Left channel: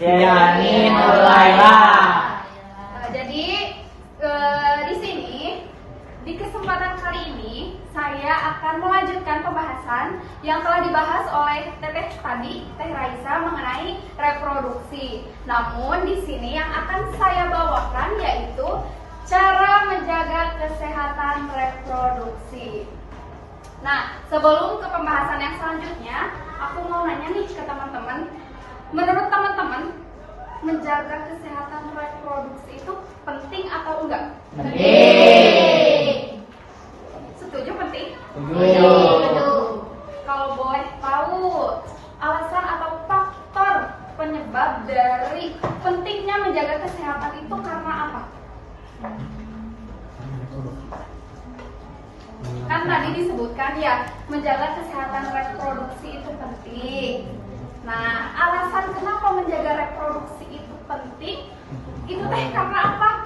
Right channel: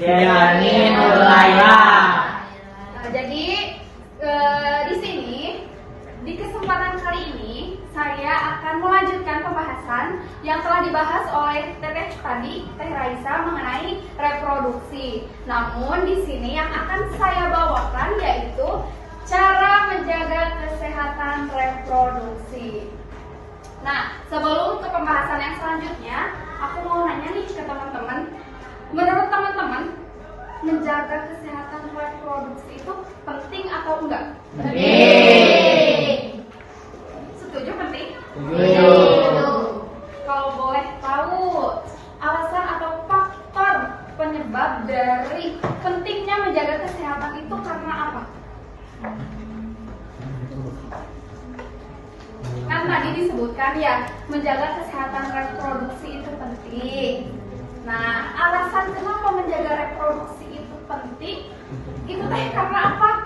Diani Nurlaya. Jadi di sini di kesempatan kali ini saya akan melanjutkan pembahasan yang telah dibahas oleh Teteh tadi, Teh Raisa, mengenai reproduksi. Namun di sini yang akan saya bawakan yaitu cara menjaga kesehatan reproduksi. Nah, sebelum ke pembahasan yang selanjutnya, aku mau nanya nih ke teman-teman. Menurut teman-teman, menjaga kesehatan reproduksi itu penting atau enggak? Penting. Setuju penting? Setuju. Kalau boleh tahu alasan atau faktor penyebab dari pentingnya menjaga kesehatan itu karena apa? Kan tadi disebutkan ya, menjaga kesehatan reproduksi itu penting. Nah, alasan kenapa menjaga reproduksi itu penting, itu teh karena apa?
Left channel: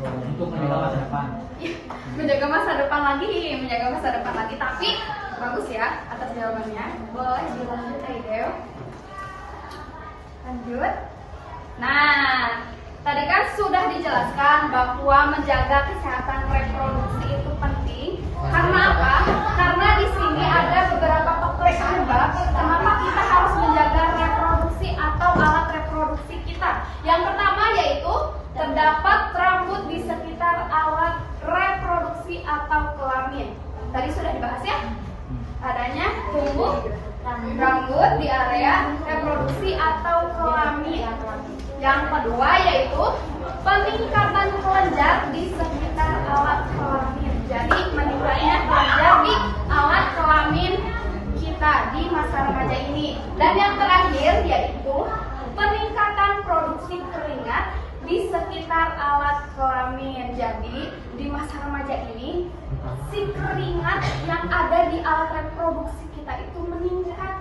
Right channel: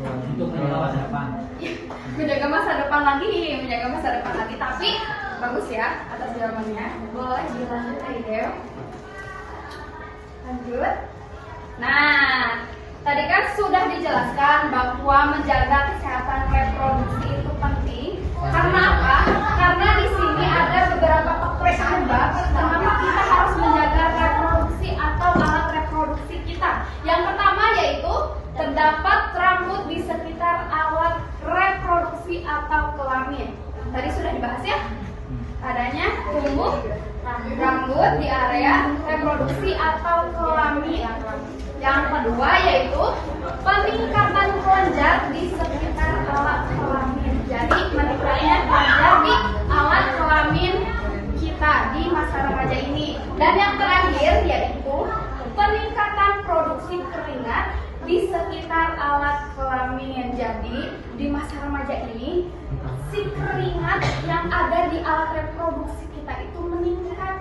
Untuk menjaga masa depan. Menjaga masa depan lagi. Tapi bagus ya atas jawabannya. Boleh dilanjut, Aidel. Lanjut. Nah, tadi kan sudah dijelaskan bahwa menjaga kesehatan reproduksi itu penting. Karena apa? Karena di sini ada beberapa faktor penyebab kenapa kita harus menjaga reproduksi atau alat reproduksi kita. Yang pertama yaitu terdapat rambut di sekitar alat reproduksi atau kelamin. Tadi sudah dibahas ya? Adanya tumbuh rambut di area reproduksi atau kelamin. Yang kedua yaitu peningkatan kelenjar di sekitar alat kelamin. Jadi meningkatnya kelenjar di alat kelamin kita di masa remaja ini. Dan yang terakhir yaitu peningkatan produksi keringat di sekitar alat kelamin. Jadi di masa remaja ini si keringat yang ada di alat reproduksi kita itu meningkat.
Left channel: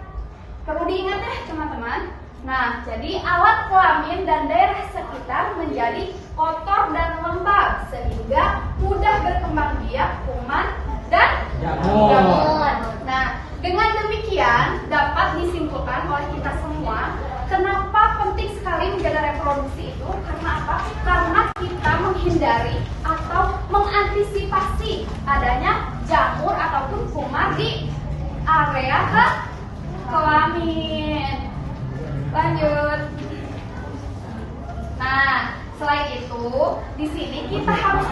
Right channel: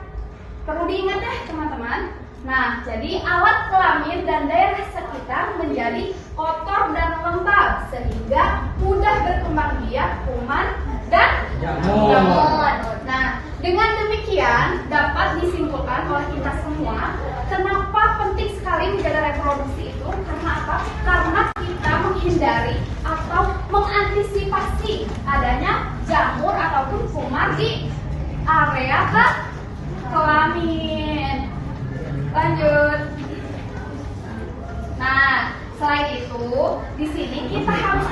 Perlu diingat ya teman-teman. Nah, jadi alat kelamin dan daerah sekitar menjadi kotor dan lembab sehingga mudah berkembang biak kuman dan jamur. Nah, dengan demikian dapat disimpulkan oleh kita semua kenapa penting sekali menjaga reproduksi itu. Karena apa? Karena kita menghindari atau mengantisipasi adanya jamur ataupun kuman di area kelamin. Lanjut. Nah, selain itu, di sini kita harus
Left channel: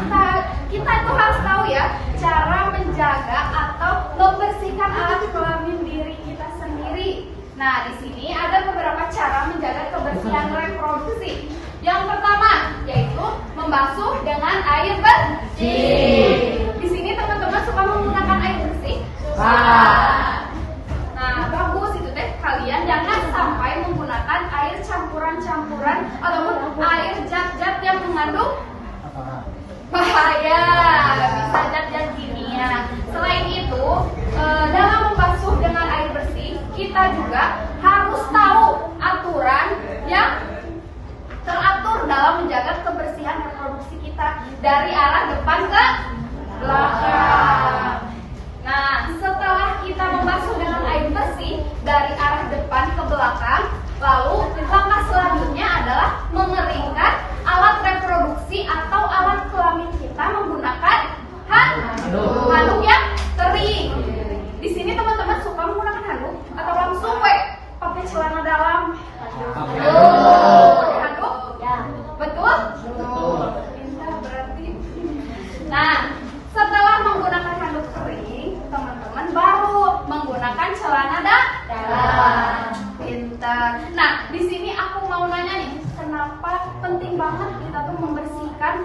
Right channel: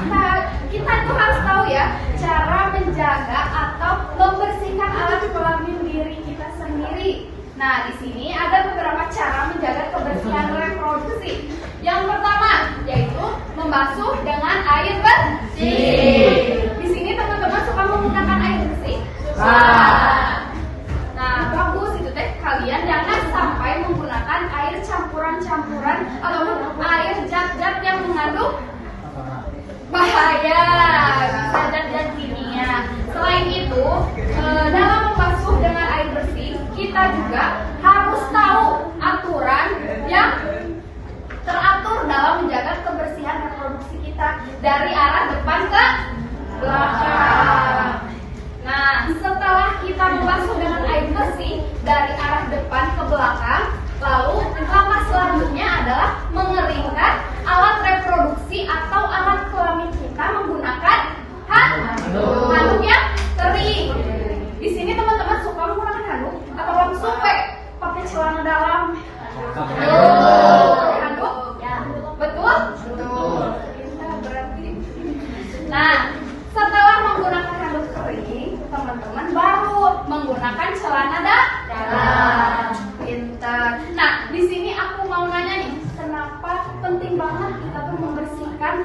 tahu ya cara menjaga atau membersihkan alat kelamin diri kita sendiri. Nah, di sini ada beberapa cara menjaga kebersihan reproduksi. Yang pertama yaitu membasuh dengan air bersih. Di sini teman-teman suka menggunakan air bersih? Nah, bagus itu teh, kalian jangan sampai menggunakan air campuran-campuran ataupun air zat-zat yang mengandung bahaya, bisa zat-zat kimia. Selain itu, dalam membasuh dengan air bersih, kita juga harus tahu aturan yang teratur dalam menjaga kebersihan reproduksi kita dari arah depan ke belakang. Nah, setelah kita membasuh dengan air bersih dari arah depan ke belakang, lalu langkah selanjutnya adalah mengeringkan alat reproduksi atau alat kelamin kita menggunakan handuk yang kering. Di sini teman-teman suka menggunakan handuk atau langsung pakai celana dalam? Pakai handuk? Betul? Kita berarti. Nah, setelah menggunakan handuk kering, teman-teman baru menggunakan celana dalam. Pintar. Nah, di sini aku mau nanya nih, kenapa penting banget kita tuh membersihkan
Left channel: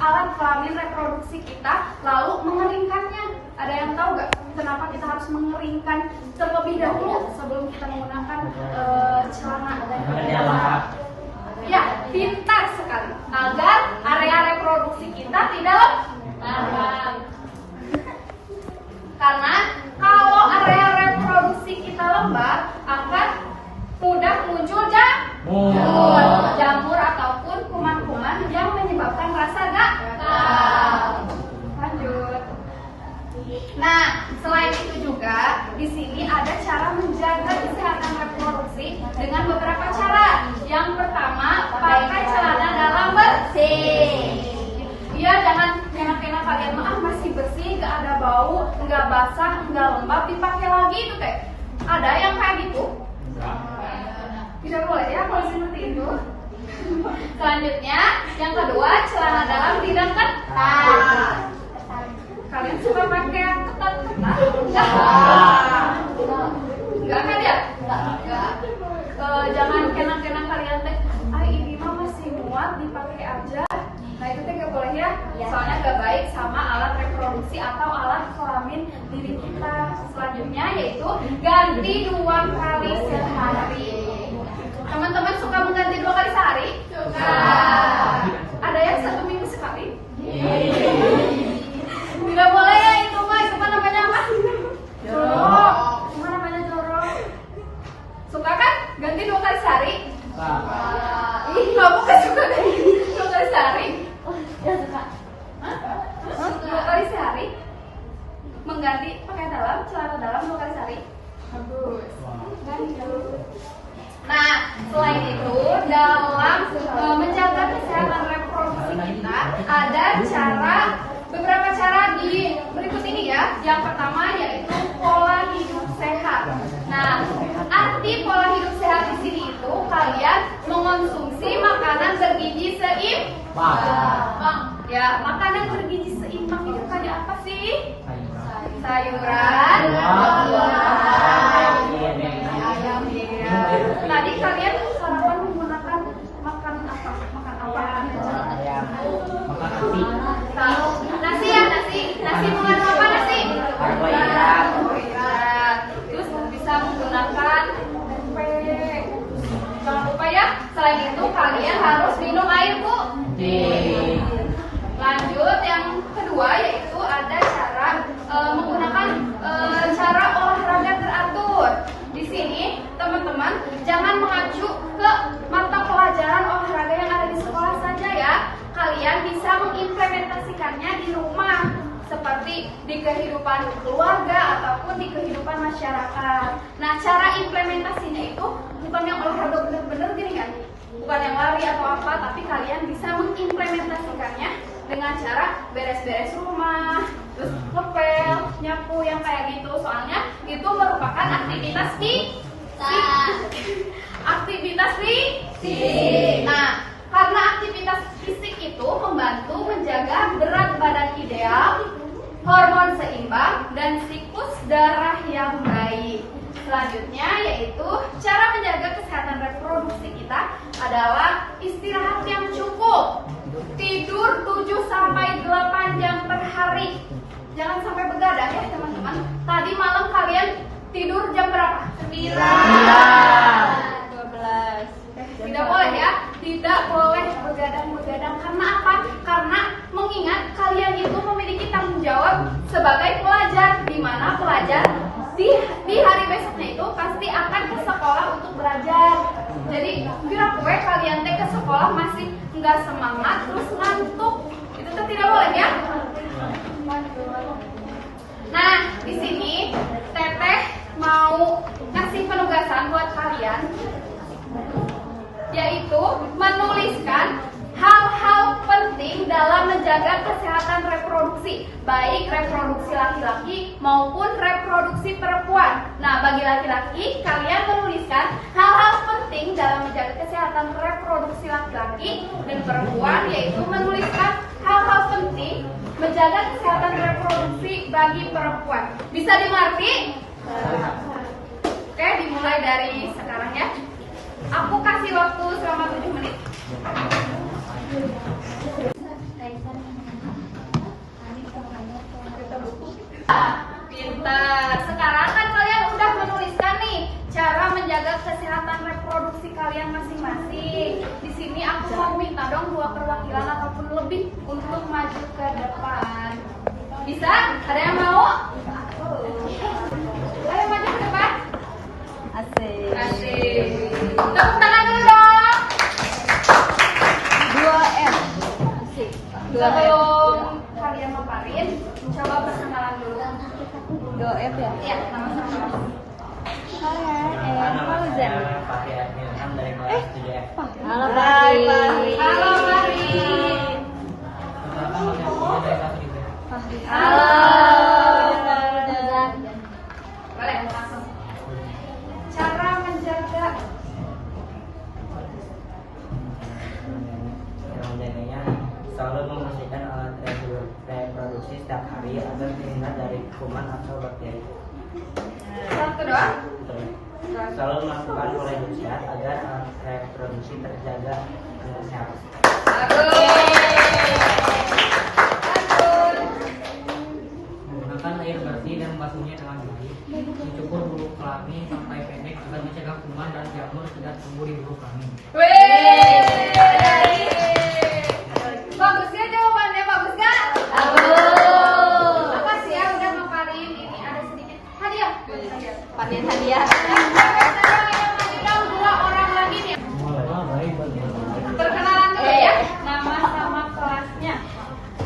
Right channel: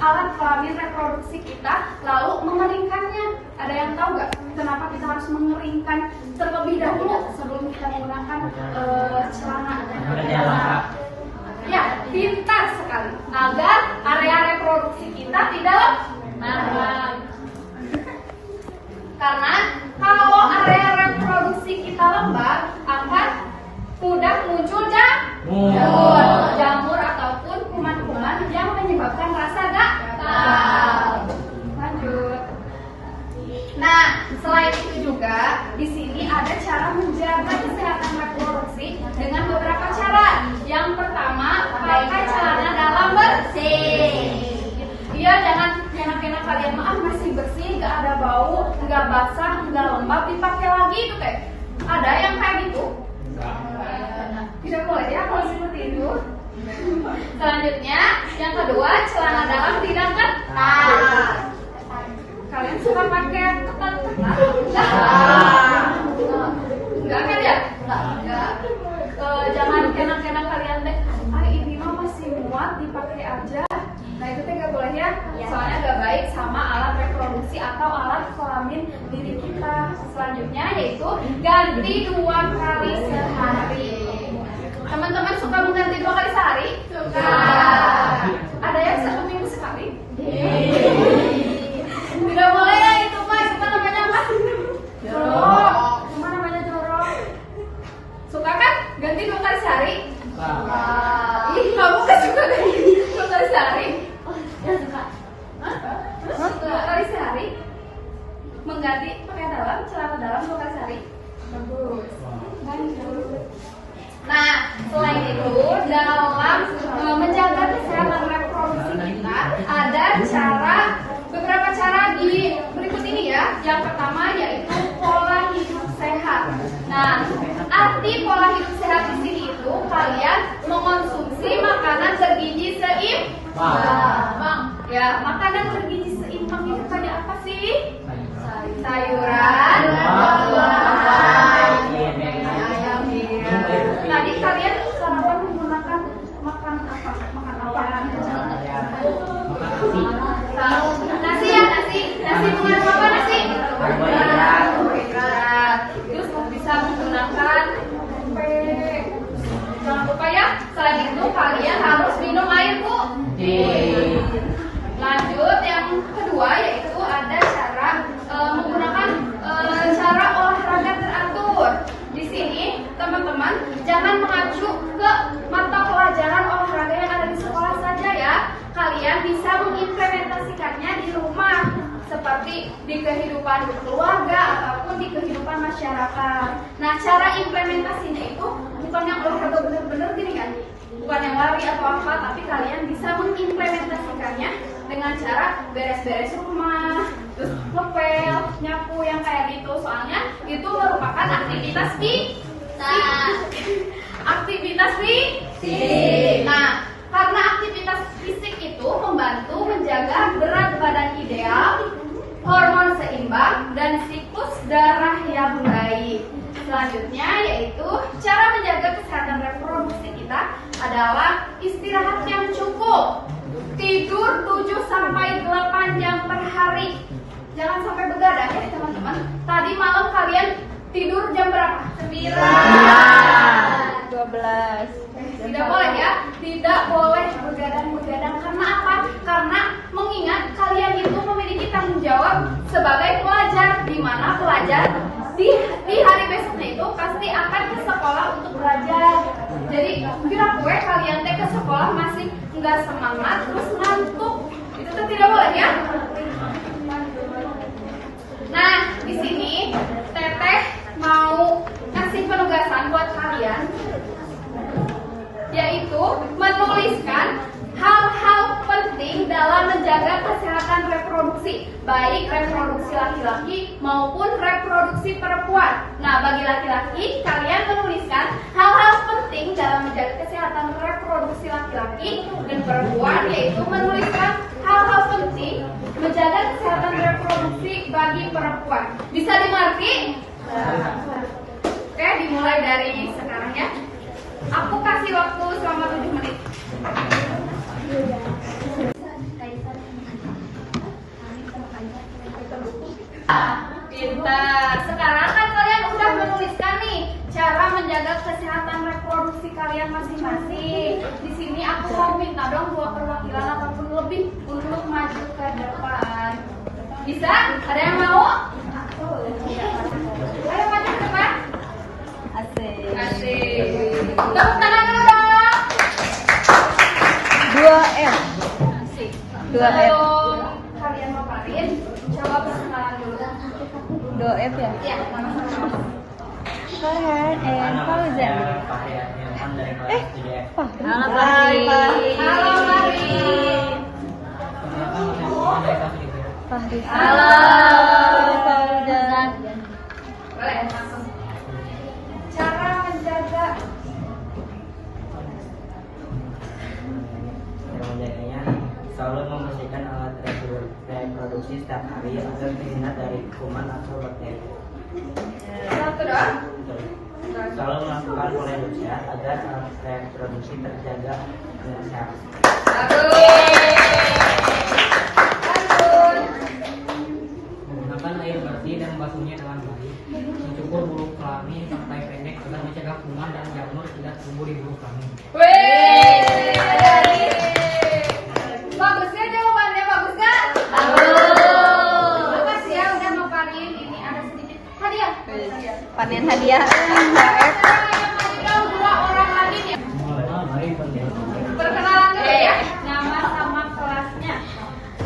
alat kelamin reproduksi kita, lalu mengeringkannya? Ada yang tahu nggak kenapa kita harus mengeringkan terlebih dahulu sebelum kita menggunakan celana? Ya, pintar sekali. Agar area reproduksi kita tidak lembab. Karena kalau area reproduksi kita lembab, akan mudah muncul jamur ataupun kuman-kuman yang menyebabkan rasa gatal. Lanjut. Nah, selain itu juga di sini ada cara menjaga kesehatan reproduksi dengan beberapa cara. Yang pertama, pakai celana dalam bersih. Iya, jangan kena kalian mah masih bersih, nggak ada bau, nggak basah, nggak lembab, dipakai lagi itu teh. Ada yang kayak gitu? Tidak boleh ya kalau seperti itu. Selanjutnya, yang kedua, celana dalam tidak ketat. Kalian suka pakai yang ketat-ketat? Enggak kan ya? Enggak. Jangan kena kalian teh. Ini mah masih muat, dipakai aja. Nah itu teh nggak boleh ya, soalnya nggak baik sama alat reproduksi atau alat kelamin diri kita. Selanjutnya yaitu ganti 2 kali sehari. Teman-teman suka mengganti 2 kali sehari? Suka. Ada yang 1 minggu sekali? Nggak boleh ya itu mah namanya apa? Jorok. Cuma namanya jorok. Suka kan ganti 2 kali sehari? Suka. Ih, kamu kan suka ganti 2 kali sehari? Ya suka. 2 kali sehari mengganti pakaian dalam, celana dalam 2 kali sehari. Bagus. Nah, selain itu dalam menjaga kesehatan reproduksi kita ada beberapa cara di berikut ini ya. Yang pertama yaitu pola hidup sehat. Nah, arti pola hidup sehat di sini itu kalian mengonsumsi makanan bergizi seimbang. Ya, makanan bergizi seimbang itu kayak apa sih? Sayuran, tadi kalian sarapan menggunakan makan apa? Nasi ya, nasi mengandung apa nasi? Karbohidrat. Terus bisa menggunakan tempe. Jangan lupa ya, selain itu kalian harus minum air, Bu. Lanjut, yang kedua yaitu ada cara menggunakan cara olahraga teratur. Di sini teman-teman jangan mengacu ke mata pelajaran olahraga yang ada di sekolah saja ya. Kalian bisa mengimplementasikannya di rumah seperti di kehidupan keluarga ataupun di kehidupan masyarakat. Nah, cara implementasinya itu bukan yang olahraga bener-bener gini kan, bukan yang lari atau apa, tapi kalian bisa mengimplementasikannya dengan cara beres-beres rumah, terus ngepel, nyapu yang kayak gitu. Soalnya itu merupakan aktivitas fisik. Nah, karena aktivitas fisik itu membantu menjaga berat badan ideal, hormon seimbang, dan siklus darah yang baik. Selanjutnya yaitu cara menjaga kesehatan reproduksi kita adalah istirahat yang cukup. Tidur 7-8 jam per hari. Jangan sampai begadang ya teman-teman. Tadi malam kalian tidur jam berapa? 9. 12. Tidak boleh ya. Tidak boleh begadang-begadang. Karena apa? Karena mengingat kalian itu memiliki tanggung jawab sebagai pelajar, di mana pelajar di hari besoknya itu pasti akan ke sekolah untuk belajar. Jadi kira gue kalian teh ke sekolah masih nggak semangat terus ngantuk, itu tuh tidak boleh ya. Nah, di sini Teteh mau kasih penugasan buat kalian, yaitu menuliskan hal-hal penting dalam menjaga kesehatan reproduksi, baik reproduksi laki-laki maupun reproduksi perempuan. Nah, bagi laki-laki, kalian menuliskan hal-hal penting dalam menjaga kesehatan reproduksi laki-laki, dan perempuan yaitu menuliskan hal-hal penting menjaga kesehatan reproduksi bagi perempuan. Bisa dimengerti? Oke, dimulai dari sekarang ya. Aku kasih waktu selama 7 menit. Pintar. Sekarang kan kalian udah menuliskan nih cara menjaga kesehatan reproduksi kalian masing-masing. Di sini aku mau minta dong 2 perwakilan ataupun lebih untuk maju ke depan. Bisa? Ada yang mau? Ayo maju ke depan. Asik. Tepuk tangan dulu dong. 2M. Asik. 2M. Sebelum kalian memaparin, coba perkenalan dulu. 2M ya? Ya, sama-sama. Halo, Nama saya Pak Yan teman-teman dari kelas 7F. Halo Fahri. Halo Fahri. Perkenalkan saya Punya dari kelas 7F. Halo Fauza. Boleh langsung. Cara menjaga Cara menjaganya selalu membersihkan alat reproduksi setiap hari agar terhindar dari kuman atau bakteri. satu doang. Selalu melakukan pola hidup sehat agar alat reproduksi terjaga dengan sehat. Lanjut. Menggunakan air bersih dan membasuhnya dengan baik. Mencukur bulu kelamin sampai pendek agar mencegah kuman dan jamur tidak tumbuh di bulu kelamin. Wih. Bagus ya jawabannya, bagus gak? Makasih ya udah ngapain. Ini ada sedikit hadiah buat saya. Panen hadiah. Kasih tahu dua orang lagi nih. Perkenalan dulu ya. Nama sama kelasnya.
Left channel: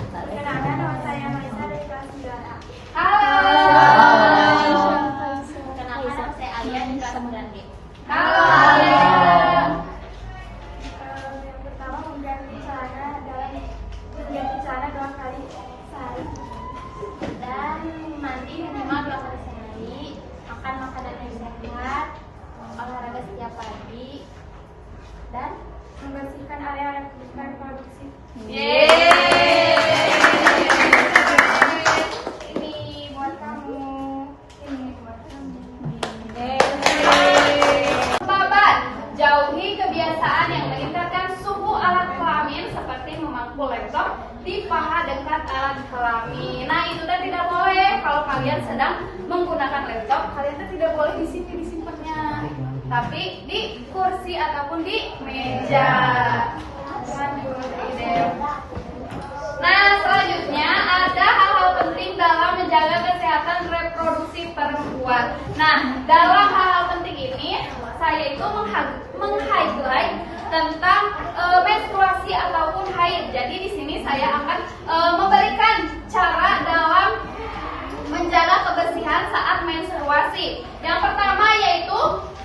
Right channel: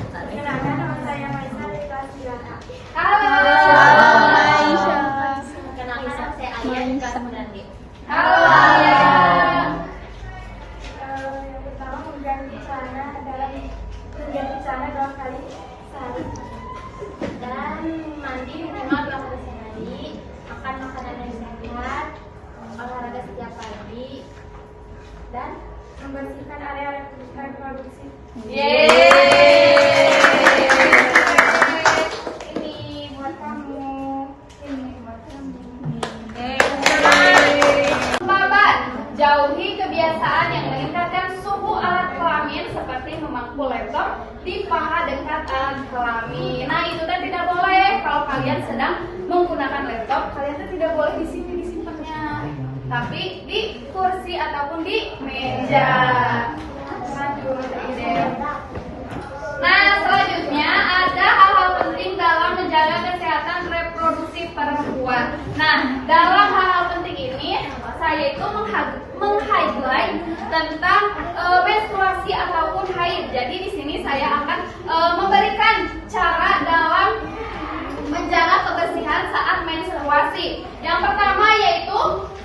Perkenalkan nama saya Maisa dari kelas 9A. Halo. Kenalkan nama saya Alia di kelas 9D. Halo Alia. Yang pertama mengganti celana 2 kali sehari Dan mandi minimal 2 kali sehari. Makan makanan yang sehat. Olahraga setiap pagi. Dan membersihkan area reproduksi. Yeay. Ini buat kamu, ini buat kamu. Babat, jauhi kebiasaan yang meningkatkan suhu alat kelamin seperti memangku laptop di paha dekat alat kelamin. Nah itu teh tidak boleh. Kalau kalian sedang menggunakan laptop, kalian teh tidak boleh di sini disimpannya, tapi di kursi ataupun di meja. Lanjut, ide. Nah, selanjutnya ada hal-hal penting dalam menjaga kesehatan reproduksi perempuan. Nah, dalam hal-hal penting ini, saya itu meng-highlight tentang menstruasi ataupun haid. Jadi di sini saya akan memberikan cara dalam menjaga kebersihan saat menstruasi. Yang pertama yaitu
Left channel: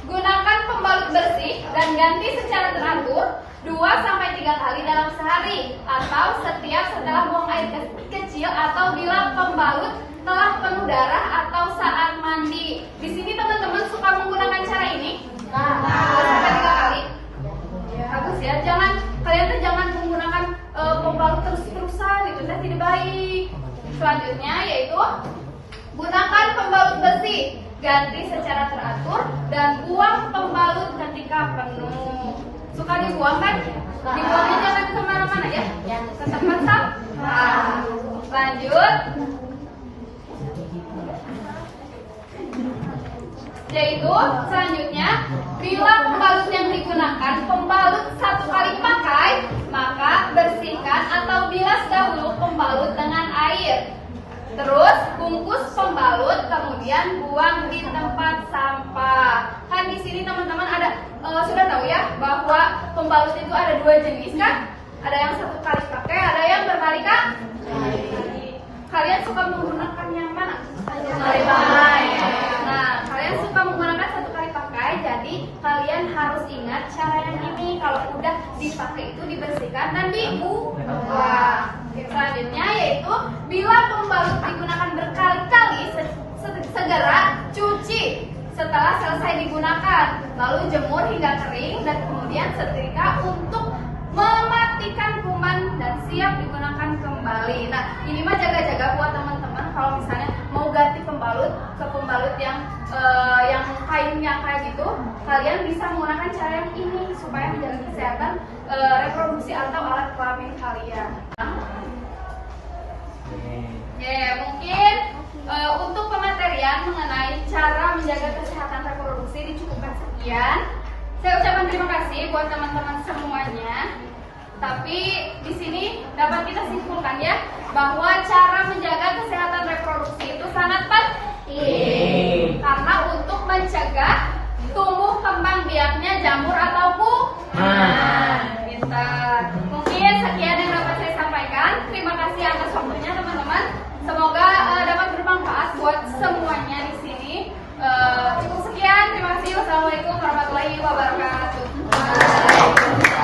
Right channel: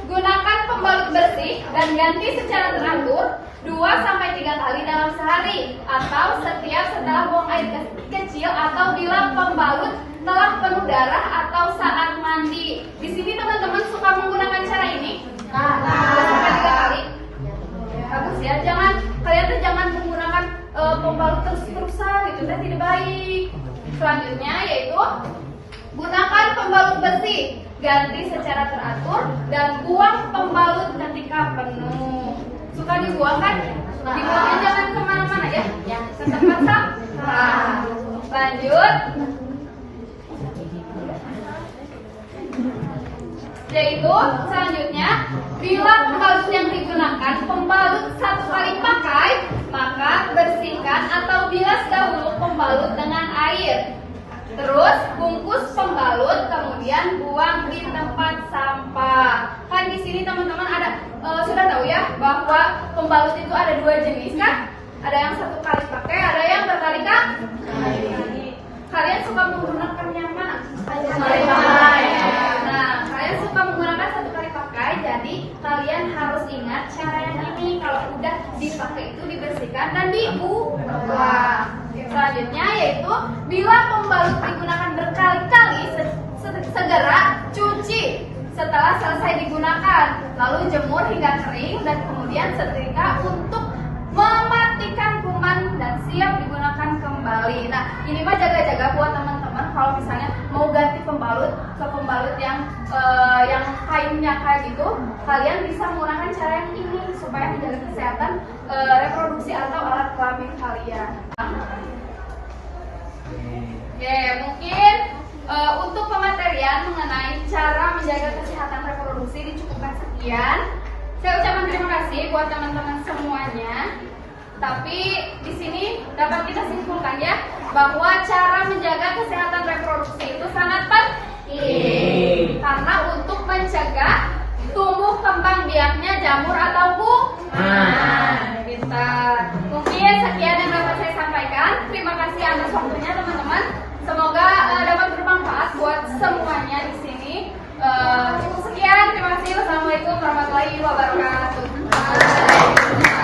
gunakan pembalut bersih dan ganti secara teratur 2-3 kali dalam sehari atau setiap setelah buang air kecil atau bila pembalut telah penuh darah atau saat mandi. Di sini teman-teman suka menggunakan cara ini 2-3 kali. Bagus ya, kalian tuh jangan menggunakan pembalut terus-terusan, itu tidak baik. Selanjutnya yaitu gunakan pembalut bersih, ganti secara teratur dan buang pembalut ketika penuh. Suka dibuang kan? Dibuangnya jangan kemana-mana ya, ke tempat sampah. Lanjut. Yaitu selanjutnya, bila pembalut yang digunakan pembalut 1 kali pakai, maka bersihkan atau bilas dahulu pembalut dengan air. Terus bungkus pembalut, kemudian buang di tempat sampah. Kan di sini teman-teman ada sudah tahu ya bahwa pembalut itu ada 2 jenis kan? Ada yang 1 kali pakai, ada yang berkali-kali. Kalian suka menggunakan yang mana? Sekali pakai. Nah, kalian suka menggunakan 1 kali pakai, jadi kalian harus ingat cara yang ini. Kalau udah dipakai itu dibersihkan dan dibuang. Selanjutnya yaitu bila pembalut digunakan berkali-kali, segera cuci setelah selesai digunakan, lalu jemur hingga kering dan kemudian setrika untuk mematikan kuman dan siap digunakan kembali. Nah, ini mah jaga-jaga buat teman-teman kalau misalnya mau ganti pembalut ke pembalut yang kainnya kayak gitu, kalian bisa menggunakan cara yang ini supaya menjaga kesehatan reproduksi atau alat kelamin kalian. Oke, mungkin untuk pematerian mengenai cara menjaga kesehatan reproduksi dicukupkan sekian. Saya ucapkan terima kasih buat teman-teman semuanya. Tapi di sini dapat kita simpulkan ya bahwa cara menjaga kesehatan reproduksi itu sangat penting karena untuk mencegah tumbuh kembang biaknya jamur atau kuman. Mungkin sekian yang dapat saya sampaikan. Terima kasih atas waktunya teman-teman. Semoga dapat bermanfaat buat semuanya di sini. Cukup sekian. Terima kasih. Wassalamualaikum warahmatullahi wabarakatuh. Baik.